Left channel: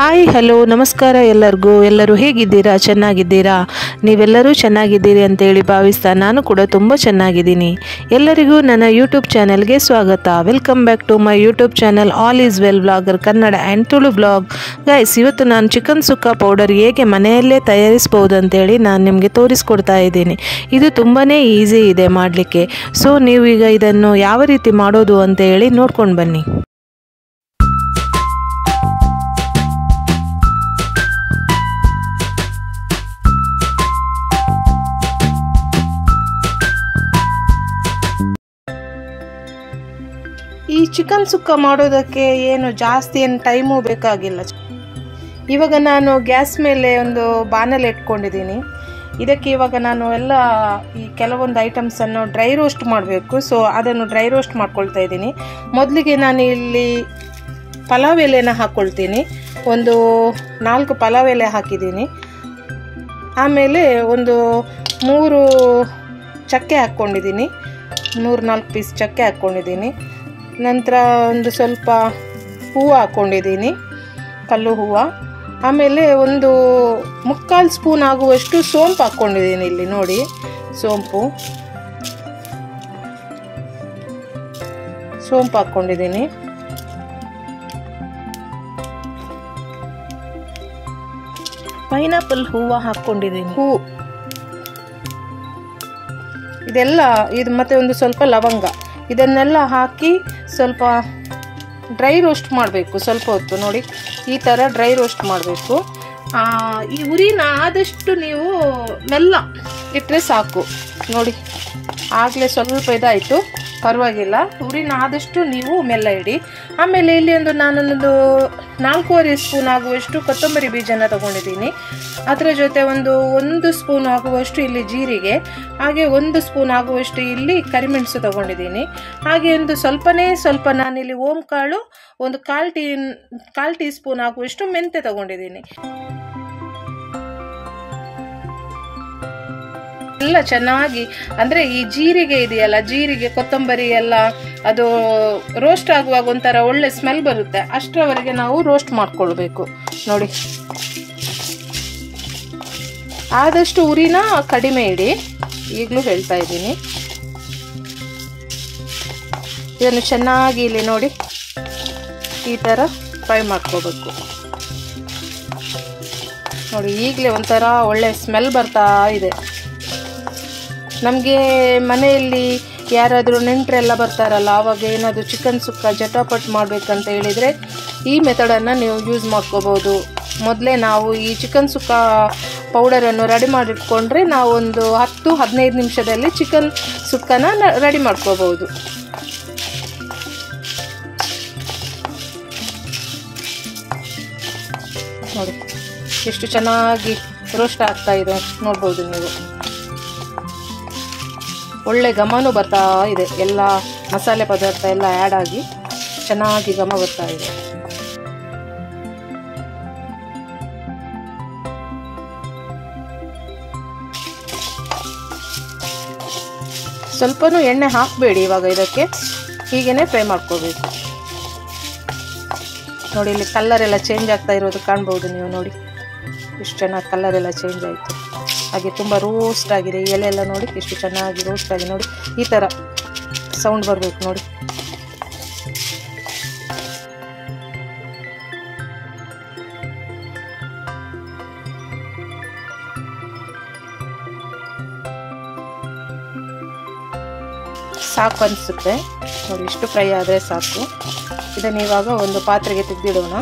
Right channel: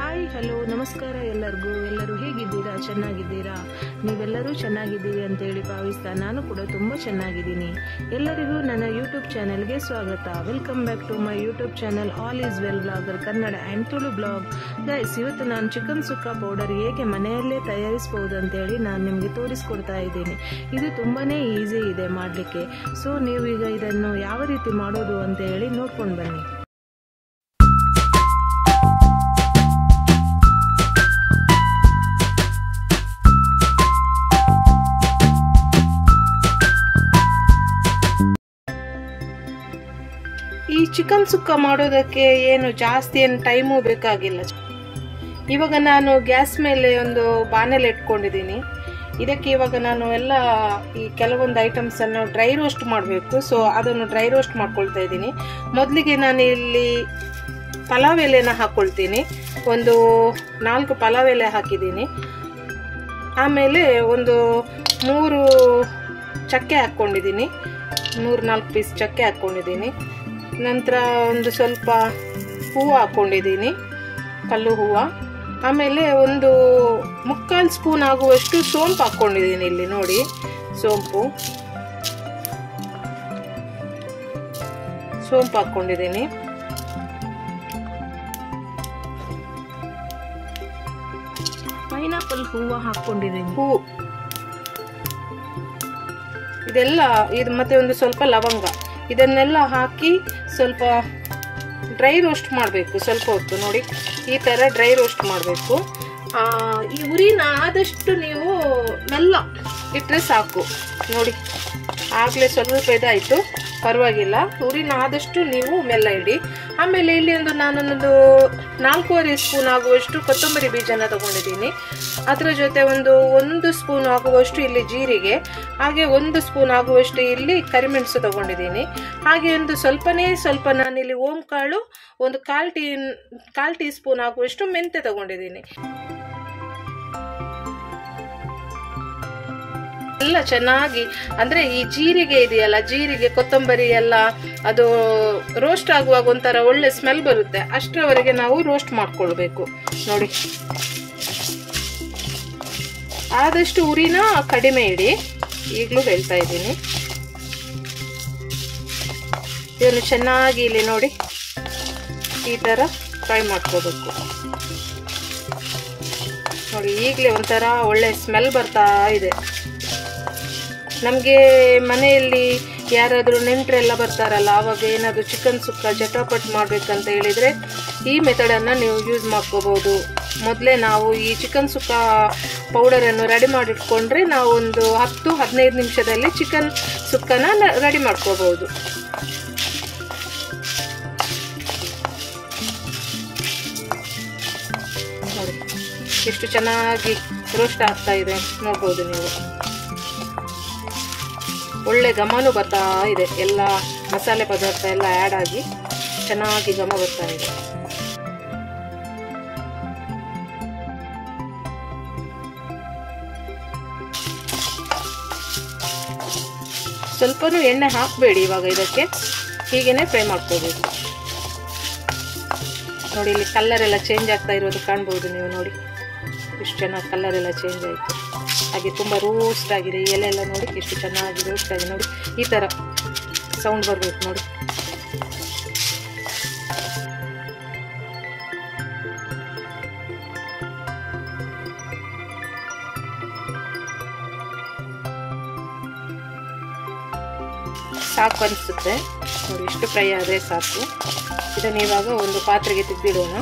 Hi hello ನಮಸ್ಕಾರ ಎಲ್ಲರೂ ಹೇಗಿದ್ದೀರಾ? ಚೆನ್ನಾಗಿದ್ದೀರಾ? ನೀವೆಲ್ಲರೂ ಚೆನ್ನಾಗಿದ್ದೀರಿ ಅಂತೇಳಿ ಭಾವಿಸ್ತಾ ನಾನು ಕೂಡ ತುಂಬ ಚೆನ್ನಾಗಿದ್ದೀನಿ. ಎಲ್ಲರಿಗೂ ನನ್ನ ಯೂಟ್ಯೂಬ್ ಚಾನಲ್ಗೆ ಸ್ವಾಗತ. Welcome back to my YouTube channel all is well vlogger Kannada and Tulu vlog. Guys, ಇವತ್ತು ನಾನು ಚಿಕನ್ ಸುಕ್ಕ ಪೌಡರ್ ಹೇಗೆ ಮನೆಯಲ್ಲೇ ತಯಾರಿಸ್ಬೋದು ಅಂತೇಳಿ ನಾನು ನಿಮಗೆ ತೋರಿಸ್ಕೊಡ್ತಾ ಇದ್ದೀನಿ. ಇದು ತುಂಬಾ ಈಸಿ ಇದೆ ಮಾಡಲಿಕ್ಕೆ. ಸೊ ನೀವು ಈಗ ಇದನ್ನು ಯಾವ ರೀತಿ ಮಾಡೋದು ಅಂತೇಳಿ ನೋಡ್ಕೊಂಡು ಬನ್ನಿ. ಈ ಚಿಕನ್ ಸುಕ್ಕ ಮಾಡೋದಕ್ಕೆ ಏನು ಜಾಸ್ತಿ ಟೈಮು ಬೇಕಾಗಿಲ್ಲ. ಇವಾಗ ನಾನು ಗ್ಯಾಸ್ ಮೇಲೆ ಒಂದು ಬಾಣಲೆ ಇಟ್ಕೊಂಡಿದ್ದೀನಿ. ಇದಕ್ಕೆ ಇವಾಗ ನಾನು ಎಲ್ಲ ಈ ಕೆಲವೊಂದು ಐಟಮ್ಸನ್ನು ಡ್ರೈ ರೋಸ್ಟ್ ಮಾಡಬೇಕು. ಸೊ ಅದನ್ನು ಡ್ರೈ ರೋಸ್ಟ್ ಮಾಡ್ಕೊಳ್ತಾ ಇದ್ದೀನಿ. ಮೊದಲಿಗೆ ನಾನು ಇಲ್ಲಿ ಪಲಾವ್ ಎಲೆನ ಹಾಕ್ಕೊಳ್ತೀನಿ. ಒಂದು 4 ಪಲಾವ್ ಎಲೆ ಹಾಕಿದ್ದೀನಿ. ಆಮೇಲೆ ಒಂದು 3 ಚಕ್ಕೆ ಹಾಕ್ಕೊಂಡಿದ್ದೀನಿ. 3-4 ಪೀಸ್ ಚಕ್ಕೆ ಹಾಕ್ಕೊಂಡಿದ್ದೀನಿ. ನಂತರ ಒಂದು ಸ್ವಲ್ಪ ಹೂವು ಹಾಕ್ಕೊಂಡಿದ್ದೀನಿ, ಕಲ್ಲು ಹೂವು. ಆಮೇಲೆ ಒಂದು 3/4 ಸ್ಪೂನ್ ಆಗುವಷ್ಟು ಸೋಂಪು ಹಾಕ್ಕೊಂಡಿದ್ದೀನಿ. ಇಲ್ಲಿ ನೋಡಿ, ಸೋಂಪು ಹಾಕ್ಕೊಂಡಿದ್ದೀನಿ. ಪೈನಾಪಲ್ ಹೂವು ಹಾಕ್ಕೊಂಡಿದ್ದೀನಿ. ಇದು ಮತ್ತೆ ಒಂದು ಸ್ವಲ್ಪ ಲವಂಗ, ಇದನ್ನೆಲ್ಲ ಹಾಕಿ ಸ್ವಲ್ಪ ಡ್ರೈ ರೋಸ್ಟ್ ಮಾಡಬೇಕು. ಸ್ವಲ್ಪ ಹೊತ್ತು ನೋಡಿ, ಈ ಥರ ಡ್ರೈ ರೋಸ್ಟ್ ಮಾಡಬೇಕು. ಈ ಉರಿನ ಆದಷ್ಟು ನೀವು ಮೆಲ್ಲ ಇಟ್ಟರೆ ಸಾಕು. ನೋಡಿ, ಆಗಲೇ ಸ್ವಲ್ಪ ಇದಾಯಿತು, ಪರವಾಗಿಲ್ಲ. ಉರಿನ ಆದಷ್ಟು ನೀವು ಮೆಲ್ಲ ಇಡಿ. ಆಮೇಲೆ ಇಲ್ಲಿ ನಾನೊಂದು 4.25 ಸ್ಪೂನ್ ಆಗುವಷ್ಟು ಕೊತ್ತಂಬರಿ ಬೀಜನ ತಗೊಂಡಿದ್ದೀನಿ. ಅದರ ಜೊತೆ ಒಂದು ಸ್ಪೂನ್ ಆಗುವಷ್ಟು ಇಲ್ಲಿ ಜೀರಿಗೆ, ಹಾಗೆ 1 ಸ್ಪೂನ್ ಆಗುವಷ್ಟು ಇಲ್ಲಿ ಕರಿಮೆಣಸು ತಗೊಂಡಿದ್ದೀನಿ. ಹಾಗೆ ಸ್ವಲ್ಪ ನಾನಿಲ್ಲಿ ಓಂ ಕಾಳು, ಒಂದು 1/4 ಟೀ ಸ್ಪೂನ್ ಆಗುವಷ್ಟು ಮೆಂತೆ ತಗೊಂಡಿದ್ದೀನಿ. ಎಲ್ಲ ಚೆನ್ನಾಗಿ, ಅಂದರೆ ಈ ಜೀರಿಗೆ ಇದೆಯಲ್ಲ, ಜೀರಿಗೆ ಕೊತ್ತಂಬರಿ ಎಲ್ಲ ಅದು ರೋಸ್ಟ್ ಆಗುವಾಗ ಒಂಥರ ಒಳ್ಳೆ ಸ್ಮೆಲ್ ಬರುತ್ತೆ. ಅಷ್ಟರವರೆಗೆ ನಾವು ರೋಸ್ಟ್ ಮಾಡ್ಕೊಳ್ಬೇಕು. ನೋಡಿ, ಆದಷ್ಟು ಉರಿನ ಕಡಿಮೆ ಇಡಿ. ಈಗಲೂ ಹೇಳ್ತಾ ಇದ್ದೀನಿ. ಇದನ್ನು ಚೆನ್ನಾಗಿ ಇಲ್ಲಿ ನೋಡಿ ಈ ಥರ ಫ್ರೈ ಮಾಡ್ಕೋಬೇಕು. ನೋಡಿ, ಈಗಲೇ ಒಂಥರ ಒಳ್ಳೆ ಸ್ಮೆಲ್ ಬರ್ತಾ ಇದೆ. ನಮಗೆ ಮನೆಯಲ್ಲಿ ಯಾರಾದರೂ ನೆಂಟರೆಲ್ಲ ಬರ್ತಾರಲ್ಲ, ಆವಾಗ ಏನಾದರೂ ಚಿಕನ್ ಸುಕ್ಕ ಜಟಾಪಟ್ ಮಾಡಬೇಕಂತ ಹೇಳಿದರೆ ಈ ಮೆಥಡನ್ನು ನೀವು ಯೂಸ್ ಮಾಡ್ಕೋಬೋದು. ಮೊದಲೇ ನಾವು ಈ ಚಿಕನ್ ಸುಕ್ಕ ಪೌಡರನ್ನು ರೆಡಿ ಮಾಡಿಟ್ಕೊಂಡ್ರೆ ನಾವು ಒಂದು 10-15 ನಿಮಿಷದಲ್ಲಿ ಚಿಕನ್ ಸುಕ್ಕನ ರೆಡಿ ಮಾಡ್ಕೋಬೋದು. ನೋಡಿ, ಎಷ್ಟು ಚೆನ್ನಾಗಿ ರೋಸ್ಟ್ ಆಗ್ತಾ ಇದೆ ನೋಡ್ಬೋದು ನೀವು. ಒಳ್ಳೆ ಘಮನೂ ಬರ್ತಾ ಇದೆ. ಎಲ್ಲ ಮಸಾಲೆ ಪದಾರ್ಥ ಎಲ್ಲ ಆ್ಯಡ್ ಆಗಿ ಚೆನ್ನಾಗಿ ಘಮ ಬರ್ತಾ ಇದೆ. ಸ್ವಲ್ಪನೂ ಎಣ್ಣೆ ಹಾಕಬೇಡಿ ಇವಾಗ. ಇದಕ್ಕೆ ಹೀಗೇ ಫ್ರೈ ಮಾಡ್ಕೋಬೇಕು. ನೋಡಿ, ಇಲ್ಲಿ ಕಲರ್ ಎಲ್ಲ ಚೇಂಜ್ ಆಗ್ತಾ ಇರೋದು ಕಾಣ್ಬೋದು ನೀವು. ನೋಡಿ, ಇಷ್ಟು ಚೆನ್ನಾಗಿ ಕಲರ್ ಎಲ್ಲ ಚೇಂಜ್ ಆಯಿತು. ಹಾಗೆ ತುಂಬ ರೋಸ್ಟ್ ಆಗಿದೆ. ಈ ಎಲೆ ಎಲ್ಲ ನೋಡಿ ಎಷ್ಟು ಚೆನ್ನಾಗಿ ರೋಸ್ಟ್ ಆಗಿದೆ. ನೋಡಿ, ಈ ಥರ ಸೌಂಡ್ ಬರಬೇಕು. ನೋಡಿ, ಸಾಕು ಅನಿಸುತ್ತೆ. ನೋಡಿ, ಇಷ್ಟು ಫ್ರೈ ಆದರೆ ಸಾಕು. ಇದನ್ನು ಇವಾಗ ಒಂದು ಪಾತ್ರೆಗೆ ತೆಗೆದಿಡೋಣ.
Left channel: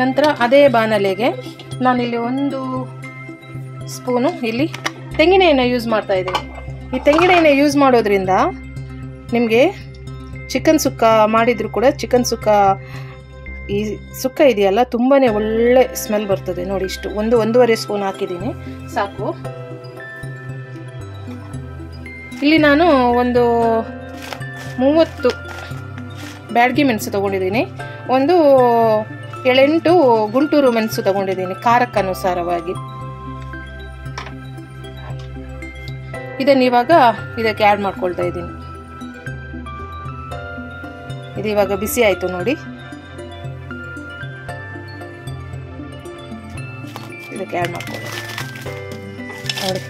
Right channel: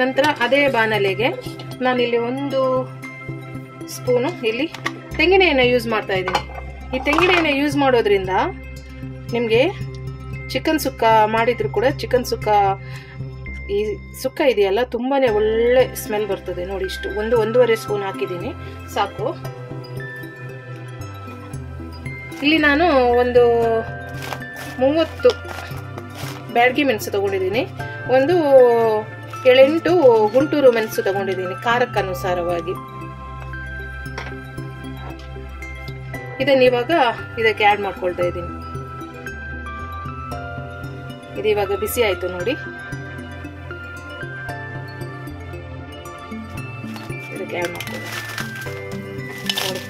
ನಂತರ ಅದೇ ಬಾಣಲೆಗೆ ನಾನಿಲ್ಲಿ 1 ಸ್ಪೂನು ಇಲ್ಲಿ ತೆಂಗಿನ ಎಣ್ಣೆ ಯೂಸ್ ಮಾಡ್ತಾ ಇದ್ದೀನಿ. ಈ ತೆಂಗಿನ ಎಣ್ಣೆ ಯೂಸ್ ಮಾಡೋದ್ರಿಂದ ನಿಮಗೆ ಚಿಕನ್ ಸುಕ್ಕ ಮಾಡಿದರೂ ಕೂಡ ಚಿಕನ್ ಸುಕ್ಕ ಈ ಸುಕ್ಕ ಇದೆಯಲ್ಲ ತುಂಬಾ ಒಳ್ಳೆ ಸ್ಮೆಲ್ ಬರ್ತದೆ. ನೋಡಿ, ಇಷ್ಟು 1-1.5 ಸ್ಪೂನ್ ಹಾಕಿದ್ದೀನಿ, ಸಾಕು. ಇಲ್ಲಿ ನಾನು ಒಂದು 30 ಬ್ಯಾಡಗಿ ಮೆಣಸು ತಗೊಂಡಿದ್ದೀನಿ. ಒಂದು 7-8 ಗುಂಟೂರು ಮೆಣಸು ತಗೊಂಡಿದ್ದೀನಿ ಖಾರಕ್ಕೆ ಅನುಸಾರವಾಗಿ. ಇದನ್ನು ಇವಾಗ ಇದಕ್ಕೆ ಆ್ಯಡ್ ಮಾಡ್ಕೊಳ್ತಾ ಇದ್ದೀನಿ. ಇದು ಇವಾಗ ಬಿಸಿ ಆಯಿತು ನೋಡಿ. ಇದಕ್ಕೆ ಆ್ಯಡ್ ಮಾಡ್ಕೊಳ್ಳಿ ನೋಡಿ.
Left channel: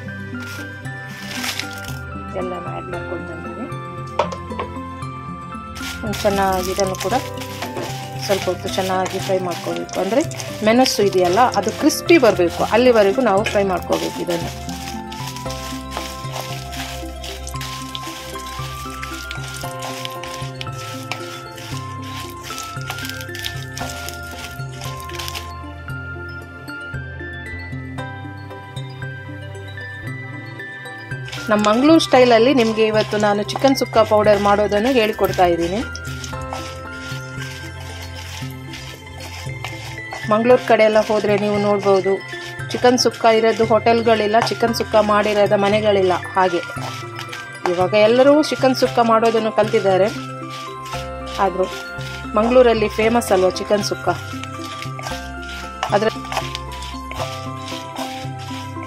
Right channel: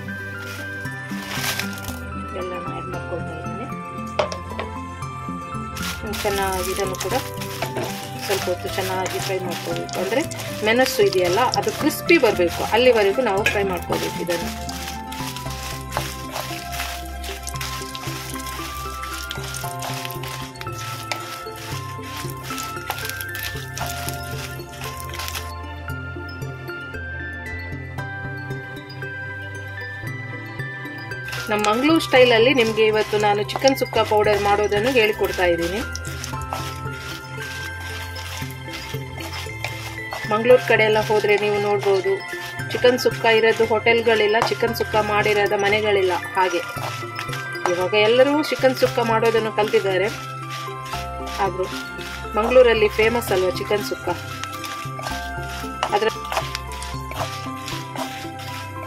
ಎಲ್ಲನೂ ಆ್ಯಡ್ ಮಾಡ್ಕೊಳ್ತಾ ಇದ್ದೀನಿ. ಚೆನ್ನಾಗಿ ಇದನ್ನು ಕೂಡ ಸ್ವಲ್ಪ ಹೊತ್ತು ಚೆನ್ನಾಗಿ ಫ್ರೈ ಮಾಡ್ಕೋಬೇಕು. ಅಂದರೆ ಮೆಣಸು ಇದೆಯಲ್ಲ ಅದು ಕ್ರಿಸ್ಪಿ ಬರಬೇಕು, ಅಲ್ಲಿವರೆಗೂ ನಾವು ಫ್ರೈ ಮಾಡ್ಕೋಬೇಕು ಇದನ್ನು. ನಮ್ಮ ಮಂಗಳೂರು ಸ್ಟೈಲಲ್ಲಿ ನಿಮಗೆ ಇವತ್ತು ನಾನು ಚಿಕನ್ ಸುಕ್ಕ ಪೌಡರ್ ಮಾಡೋದನ್ನು ಹೇಳಿಕೊಡ್ತಾ ಇದ್ದೀನಿ. ಮಂಗಳೂರು ಕಡೆ ಎಲ್ಲ ಹೋದರೆ ನೀವು ನೋಡ್ಬೋದು, ಚಿಕನ್ ಸುಕ್ಕ ಇರೋದು ಹೋಟೆಲ್ಗಳಿಲ್ಲ, ಚಿಕನ್ ಸುಕ್ಕ ಮಾಡಿರೋದ ಮನೆಗಳಿಲ್ಲ. ಹಾಗೆ ಇವಾಗ ಎಲ್ಲರೂ ಚಿಕನ್ ಸುಕ್ಕ ಮಾಡೋದನ್ನು ಕಲ್ತಿದ್ದಾರೆ. ಆದರೂ ಮಂಗಳೂರಲ್ಲಿ ಫೇಮಸ್ ಅಲ್ವಾ ಚಿಕನ್ ಸುಕ್ಕ. ಅದರ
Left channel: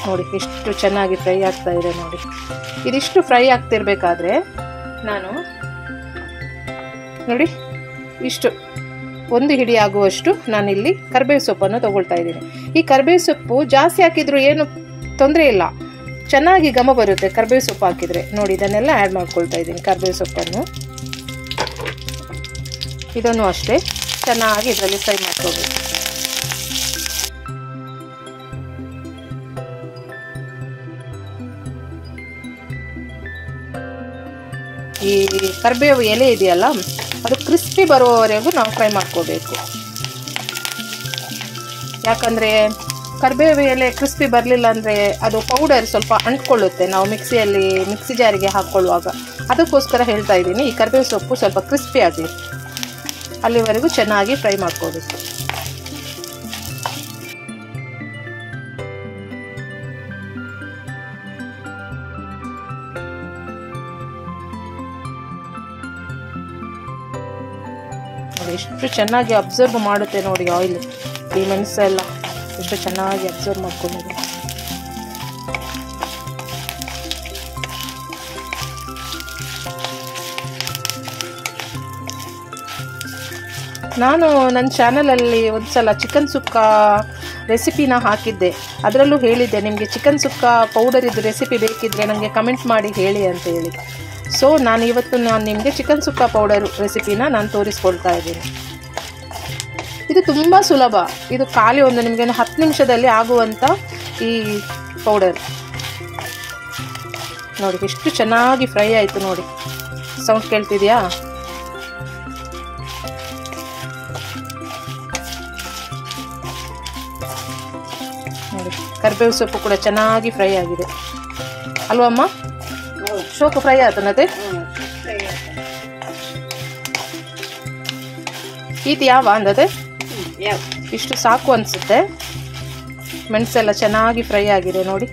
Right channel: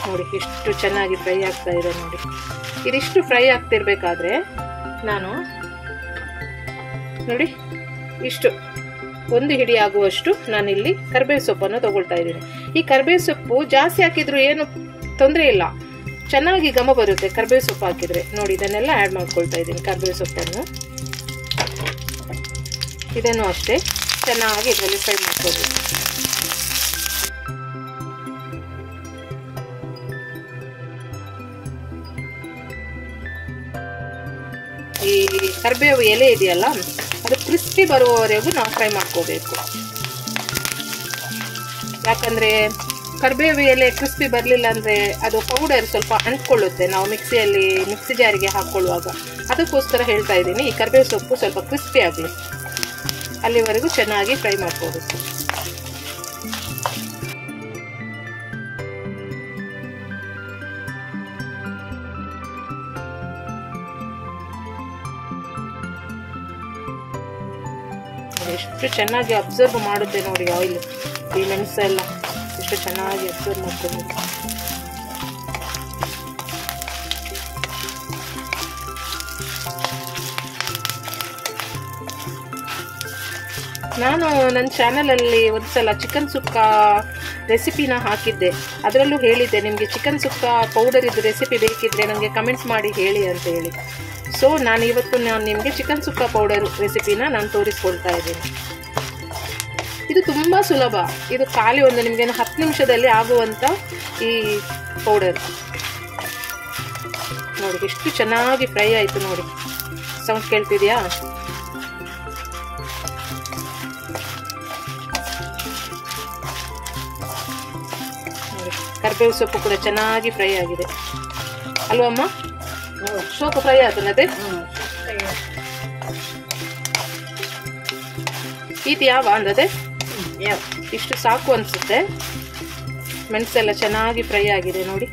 ನೋಡಿ ಎಷ್ಟು ಚೆನ್ನಾಗಿ ಫ್ರೈ ಆಗ್ತಾ ಇದೆ ನೋಡಿ. ಇದಿಷ್ಟು ಫ್ರೈ ಆಗ್ತಿರ್ಬೇಕಾದ್ರೆ ನಾನು ನೋಡಿ ಇಷ್ಟು ಒಂದು ಹಿಡಿ ಆಗುವಷ್ಟು ನಾನಿಲ್ಲಿ ಕರಿಬೇವು ಸೊಪ್ಪನ್ನು ತಗೊಳ್ತಾ ಇದ್ದೀನಿ. ಈ ಕರಿಬೇವು ಸೊಪ್ಪು ಜಾಸ್ತಿ ಹಾಕಿದ್ರು ಏನು ತೊಂದರೆ ಇಲ್ಲ, ಚೆನ್ನಾಗಿ ಘಮ ಬರುತ್ತೆ ಕರಿಬೇವು ಸೊಪ್ಪು ಹಾಕಿದರೆ. ನೋಡಿ ಇದನ್ನೆಲ್ಲ ಆ್ಯಡ್ ಮಾಡ್ಕೊಳ್ತಾ ಇದ್ದೀನಿ ಕರಿಬೇವು ಸೊಪ್ಪನ್ನು. ಇದನ್ನು ಅಷ್ಟೇ ಚೆನ್ನಾಗಿ ಇದರಲ್ಲಿ ಫ್ರೈ ಮಾಡ್ಕೋಬೇಕು. ಈ ಕರಿಬೇವು ಎಲೆ ಇದೆಯಲ್ಲ ಅದು ಕ್ರಿಸ್ಪಿ ಬರುವವರೆಗೂ ನಾವು ಫ್ರೈ ಮಾಡ್ಕೋಬೇಕು. ಯಾಕಂದರೆ ಕರಿಬೇವು ಎಲೆ ಕ್ರಿಸ್ಪಿ ಬರಲಿಲ್ಲ ಅಂದರೆ ಅದು ಪೌಡರ್ ಸ್ವಲ್ಪ ಅಂಟ್ಕೊಳ್ಳುತ್ತೆ ನಾವು ಮಿಕ್ಸಿ ಜಾರಿಗೆ ಹಾಕ್ಕೊಳ್ಳುವಾಗ. ಅದಕ್ಕೋಸ್ಕರ ಹೇಳ್ತಾ ಇದ್ದೀನಿ, ಈ ಕರಿಬೇವು ಸೊಪ್ಪು ಸ್ವಲ್ಪ ಕ್ರಿಸ್ಪಿ ಆಗಲಿ, ಅಲ್ಲಿವರೆಗೂ ಚೆನ್ನಾಗಿ ಫ್ರೈ ಮಾಡ್ಕೋಬೇಕು. ಎಷ್ಟು ಚೆನ್ನಾಗಿ ಅಬ್ಸರ್ವ್ ಮಾಡುತ್ತೆ ನೋಡಿ ಆಯಿಲ್. ಈ ಮೆಣಸು ಎಲ್ಲ ಎಷ್ಟು ಚೆನ್ನಾಗಿ ಅಬ್ಸರ್ವ್ ಮಾಡ್ಕೊಂಡಿದೆ. ನಾನು ನನ್ನ ಚಾನಲಲ್ಲಿ ಒಂದು ಸಲ ಚಿಕನ್ ಸುಕ್ಕ ರೆಸಿಪಿನ ಹಾಕಿದ್ದೆ. ಅದರಲ್ಲೂ ಹೇಳಿದ್ದೆ ನಿಮಗೆ ಚಿಕನ್ ಸುಕ್ಕ ಪೌಡರ್ ಇದ್ದು ರೆಸಿಪಿ ಬೇಕಿದ್ದರೆ ನನಗೆ ಕಮೆಂಟ್ ಮಾಡಿ ಹೇಳಿ ಅಂತ ಹೇಳಿ. ಸೊ ಇವತ್ತು ನಿಮಗೆ ಚಿಕನ್ ಸುಕ್ಕ ಪೌಡರ್ ರೆಸಿಪಿನ ನಾನು ತೋರಿಸ್ಕೊಳ್ತಾ ಇದ್ದೀನಿ. ಇದು ತುಂಬ ಸುಲಭ. ಇದು ಖಾಲಿ ಒಂದು ನಿಮಗೆ 10 ನಿಮಿಷದಲ್ಲಿ ಆಗುವಂಥ ಈ ಪೌಡರ್. ನೋಡಿ ಎಷ್ಟು ಚೆನ್ನಾಗಿ ಫ್ರೈ ಆಯಿತು ನೋಡಿ. ಸೌಂಡ್ ಕೇಳ್ತಿದೆಯಾ? ನೋಡಿ ಕರಿಬೇವು ಸೊಪ್ಪು ಕೂಡ ಚೆನ್ನಾಗಿ ಫ್ರೈ ಆಗಿದೆ ಅಲ್ವಮ್ಮ? ಸೊಪ್ಪು ಫ್ರೈ ಆಯ್ತು ನತೆ ಇದು ಯಾವ ಅಂದದೆ ಇಷ್ಟು ಸಾಕು ಅನಿಸುತ್ತೆ. ಮೆಣಸೆಲ್ಲ ಚೆನ್ನಾಗಿ ಫ್ರೈ ಆಗಿದೆ ನೋಡಿ.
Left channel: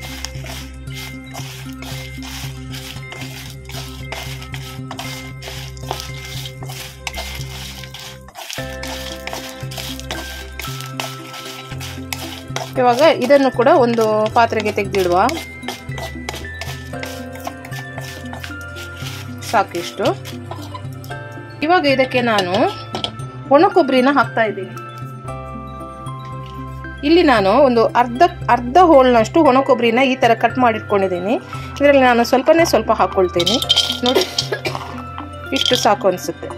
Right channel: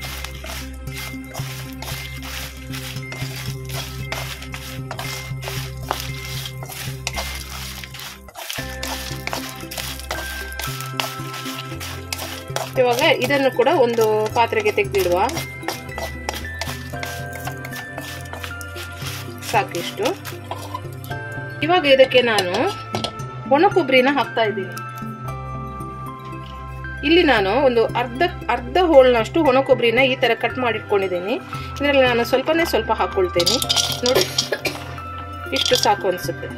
ಇವಾಗ ಇದನ್ನು ಕೂಡ ಒಂದು ಪಾತ್ರೆಗೆ ತೆಗೆದಿಡುವ. ಸಾಕಿಷ್ಟು. ಇವಾಗ ಇದಕ್ಕೆ ನಾನು ಒಣ ಕೊಬ್ಬರಿನ ಹಾಕ್ತಾ ಇದ್ದೀನಿ. ಇಲ್ಲಿ ನಾನು ಒಂದು ಅರ್ಧ ಹೋಳ್ನಷ್ಟು ಒಣ ಕೊಬ್ಬರಿನ ಈ ಥರ ಕಟ್ ಮಾಡಿಟ್ಕೊಂಡಿದ್ದೀನಿ. ಇದರಲ್ಲಿ ನಾನು ಸ್ವಲ್ಪ ಹಾಕ್ಕೊಳ್ತೇನೆ ನೋಡಿ. ಇಷ್ಟು ಸಾಕು ಅನಿಸುತ್ತೆ.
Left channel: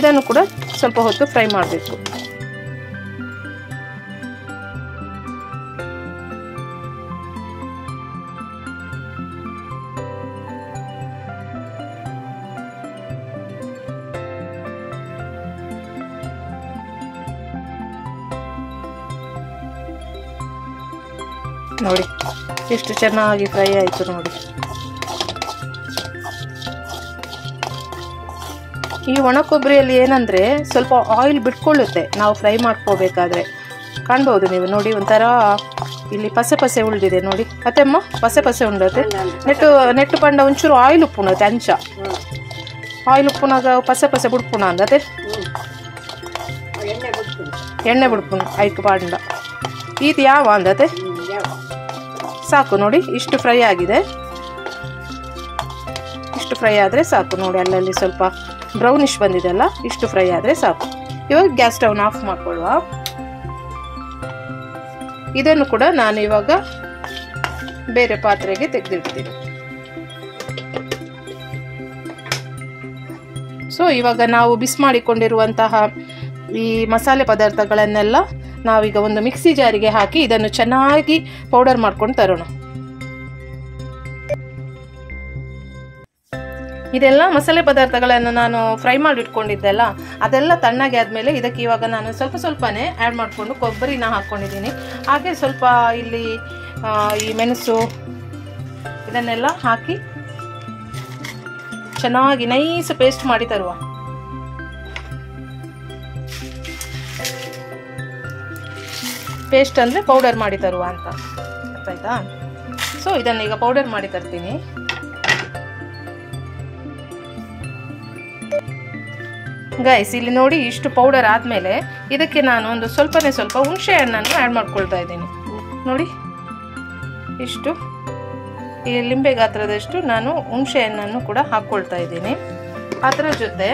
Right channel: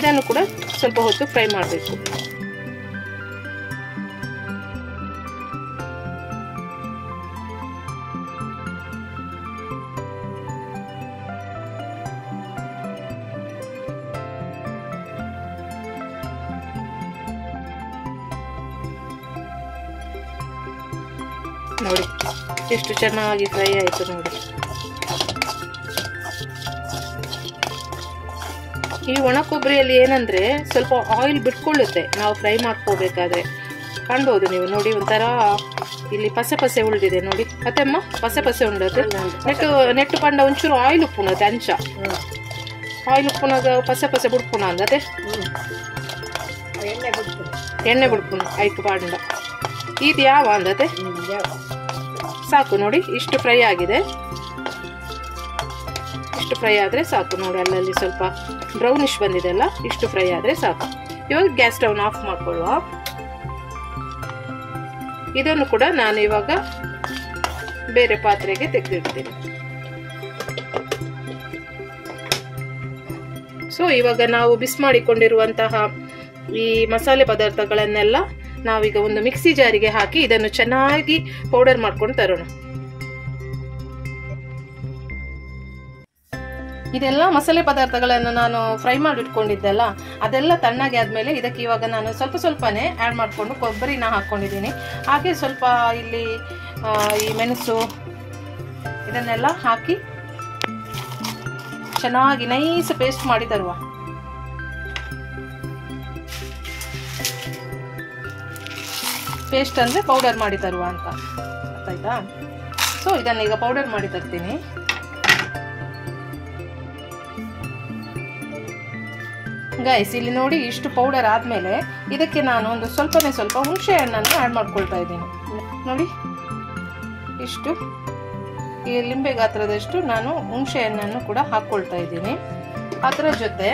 ಇದನ್ನು ಕೂಡ ಸ್ವಲ್ಪ ಹೊತ್ತು ಫ್ರೈ ಮಾಡಬೇಕು. ನೋಡಿ ಎಷ್ಟು ಚೆನ್ನಾಗಿ ಫ್ರೈ ಆಯಿತು ನೋಡಿ. ಈ ಒಣ ಕೊಬ್ಬರಿಯಲ್ಲಿ ಏನಂದರೆ ಸ್ವಲ್ಪ ಆಯಿಲ್ ಬಿಟ್ಕೊಳ್ಳುತ್ತೆ ನಾವು ಫ್ರೈ ಮಾಡ್ಕೋಬೇಕಾದ್ರೆ. ಕಾಣ್ಬೋದು ನೀವು ನೋಡಿ, ಒಂಥರ ಇಲ್ಲಿ ಪಸೆ ಉಳಿದಿದೆ ನೋಡಿ. ಮತ್ತೆಮ್ಮ ಪಸೆ ಉಂಡತ್ತೆ ನೆಟ್ಟು ಪಂಡ ಒಂಚೂರು ಆಯಿಲ್ ಉಪ್ಪುಣತ್ತೆ ಅಂಚ. ಆಯಿಲ್ ಉಪ್ಪುನಾಗ ಪಸೆ ಬಿಡ್ಪುಣ ಅಂದತೆ ಎಣ್ಣೆ ಬಿಡ್ಪುಣ ಆಯ್ತು ಪಾಂಡ. ಇದು ಯಾವ ಅಂದತೆ ಸಾಕು ನೋಡಿ, ಇಷ್ಟು ಫ್ರೈ ಆಗಿದೆ. ಇಷ್ಟು ಫ್ರೈ ಆದರೆ ಸಾಕು ನೋಡಿ, ಅಲ್ಲಲ್ಲಿ ಸ್ವಲ್ಪ ಬ್ರೌನಿಶ್ ಬಂದಿದೆ ಅಲ್ಲ, ಇಷ್ಟು ಫ್ರೈ ಆದರೆ ಸಾಕು. ಇವಾಗ ಗ್ಯಾಸ್ ಸ್ಟವ್ನ ಆಫ್ ಮಾಡ್ಕೊಳ್ಳುವ. ಇದನ್ನು ಕೂಡ ನಾನು ಇವಾಗ ಬೇರೆ ಪಾತ್ರೆಗೆ ತೆಗೆದಿಡ್ತೀನಿ. ಸೊ ಇವಾಗ ನಾವು ಬಿಸಿ ಮಾಡಿಕೊಂಡಿರುವಂತಹ ಈ ಮಸಾಲೆ ಪದಾರ್ಥಗಳನ್ನೆಲ್ಲ ನಾವೀಗ ಒಂದು ಮಿಕ್ಸಿ ಜಾರಿಗೆ ಹಾಕಿ ಇದನ್ನು ಚೆನ್ನಾಗಿ ಪೌಡರ್ ಮಾಡ್ಕೊಂಡು ತರೋಣ. ಇದೆಲ್ಲ ಮಸಾಲೆ ಪದಾರ್ಥಗಳನ್ನು ನಾನು ಫ್ರೈ ಮಾಡಿ ಇಟ್ಕೊಂಡಿದ್ದೆಲ್ಲ ಅದೆಲ್ಲ ತಣ್ಣಗೆ ಆದಮೇಲೆ ಇದಕ್ಕೆ ಇವಾಗ ನಾನು ಸ್ವಲ್ಪನೇ ಆ್ಯಡ್ ಮಾಡಿಕೊಂಡು ಕೊಬ್ಬರಿನ ಹಾಕ್ಕೊಂಡಿದ್ದೀನಿ. ಹಾಗೆ ಸ್ವಲ್ಪ ಇಲ್ಲಿ ಈ ಮೆಣಸು ಇದನ್ನೆಲ್ಲ ಹಾಕಿ ಚೆನ್ನಾಗಿ ನೈಸ್ ಪೇಸ್ಟ್ ಮಾಡಿ ತರುವ. ಪೇಸ್ಟ್ ಅಂದರೆ ಪೌಡರ್ ಮಾಡಿ ತರುವ ಅಂತ ಆಯ್ತಾ. ಸೊ ಇದನ್ನು ಈಗ ಪೌಡರ್ ಮಾಡಿ ತರ್ತೀನಿ. ಗೈಸ್ ಇಲ್ಲಿ ನೋಡಿ, ಇಷ್ಟು ಪೌಡರ್ ಆದಮೇಲೆ ಇದಕ್ಕೆ ನಾನು ಒಂದು ಸ್ವಲ್ಪ ಹುಣಸೆ ಹಣ್ಣನ್ನು ಆ್ಯಡ್ ಮಾಡ್ಕೊಳ್ತಾ ಇದ್ದೀನಿ. ನೋಡಿ ಇಷ್ಟು ಈ ಲಿಂಬೆ ಗಾತ್ರದಷ್ಟು ನಾನು ಹುಣಸೆ ಹಣ್ಣನ್ನು ಕೂಡ ಹಾಕ್ಕೊಳ್ತಾ ಇದ್ದೀನಿ. ಅದರ ಜೊತೆ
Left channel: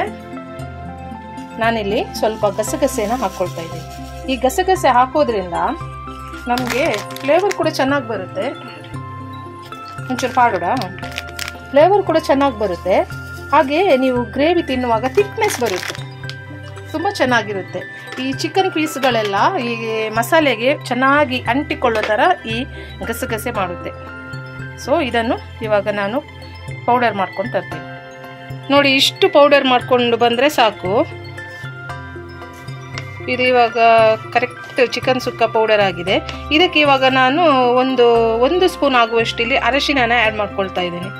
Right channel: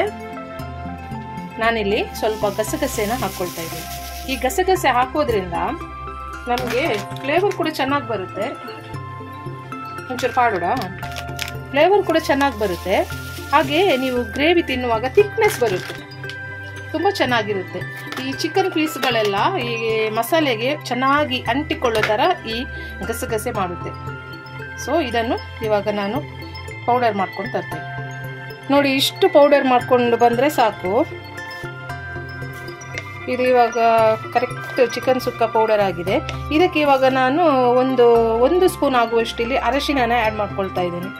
ನಾನಿಲ್ಲಿ ಸ್ವಲ್ಪ ಗಸಗಸೆನ ಹಾಕ್ಕೊಳ್ತಾ ಇದ್ದೀನಿ. ಈ ಗಸಗಸೆ ಹಾಕೋದ್ರಿಂದ ನಮಗೆ ಫ್ಲೇವರ್ ಕೂಡ ಚೆನ್ನಾಗಿ ಬರುತ್ತೆ. ಒಂಚೂರು ಪಾಡೋಡ ಫ್ಲೇವರ್ ಕೂಡ ಚೆನ್ನಾಗಿ ಬರುತ್ತೆ. ಹಾಗೆ ನೀವು ಗ್ರೇವಿ ತಿನ್ನುವಾಗ ಥಿಕ್ನೆಸ್ ಬರುತ್ತೆ, ತುಂಬ ಚೆನ್ನಾಗಿರುತ್ತೆ. ಈ ಚಿಕನ್ ಪೀಸ್ಗಳೆಲ್ಲ ಈ ಮಸಾಲೆಗೆ ಚೆನ್ನಾಗಿ ಅಂಟಿಕೊಳ್ಳೋ ಥರ ಈ ಗಸಗಸೆ ಮಾಡುತ್ತೆ. ಸೊ ಇದನ್ನು ಇವಾಗ ನಾನು ಪೌಡರ್ ಮಾಡ್ಕೊಂಡು ತರ್ತೀನಿ. ನೋಡಿ ಇಷ್ಟು ಪೌಡರ್ ಮಾಡ್ಕೊಂಡು ಬಂದರೆ ಸಾಕು. ಇದು ಇವಾಗ ಕರೆಕ್ಟ್ ಚಿಕನ್ ಸುಕ್ಕ ಪೌಡರ್ ಆಗಿದೆ. ಇದಕ್ಕೆ ಇವಾಗ ನಾನು ಒಂದು ಸ್ಪೂನ್ ಆಗುವಷ್ಟು ಇಲ್ಲಿ ಅರಶಿಣನ ಆ್ಯಡ್ ಮಾಡ್ಕೊಳ್ತಾ ಇದ್ದೀನಿ.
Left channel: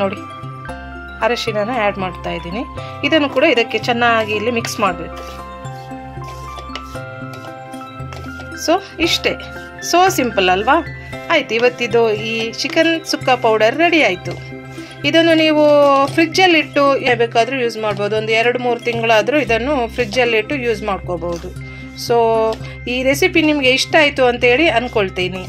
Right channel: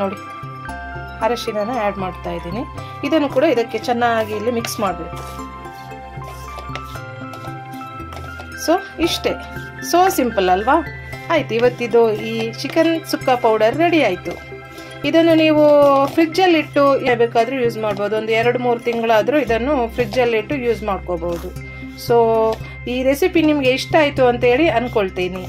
ನೋಡಿ ಅರಶಿಣನ ಆ್ಯಡ್ ಮಾಡ್ತಾ ಇದ್ದೀನಿ. ಇದನ್ನು ಕೂಡ ಇದಕ್ಕೆ ಚೆನ್ನಾಗಿ ಇಲ್ಲಿ ಮಿಕ್ಸ್ ಮಾಡಬೇಕು. ಸೊ ಇಷ್ಟೇ, ಸೋ ಸಿಂಪಲ್ ಅಲ್ವಾ? ಆಯ್ತು, ಇವತ್ತಿದು ಈ ಚಿಕನ್ ಸುಕ್ಕ ಪೌಡರ್ ರೆಡಿ ಆಯಿತು. ಇದನ್ನು ನೀವು ಫ್ರಿಜ್ಜಲ್ಲಿಟ್ಟು ಬೇಕಾದರೂ ಯೂಸ್ ಮಾಡ್ಬೋದು. ಒಂದು 2-3 ತಿಂಗಳಾದರೂ ಇದನ್ನು ಫ್ರಿಜ್ಜಲ್ಲಿಟ್ಟು ಯೂಸ್ ಮಾಡ್ಕೋಬೋದು. ಸೊ ಈ ರೆಸಿಪಿ ನಿಮಗೆ ಇಷ್ಟ ಆಯಿತು ಅಂತೇಳಿ ಅಂದ್ಕೊಳ್ತೀನಿ.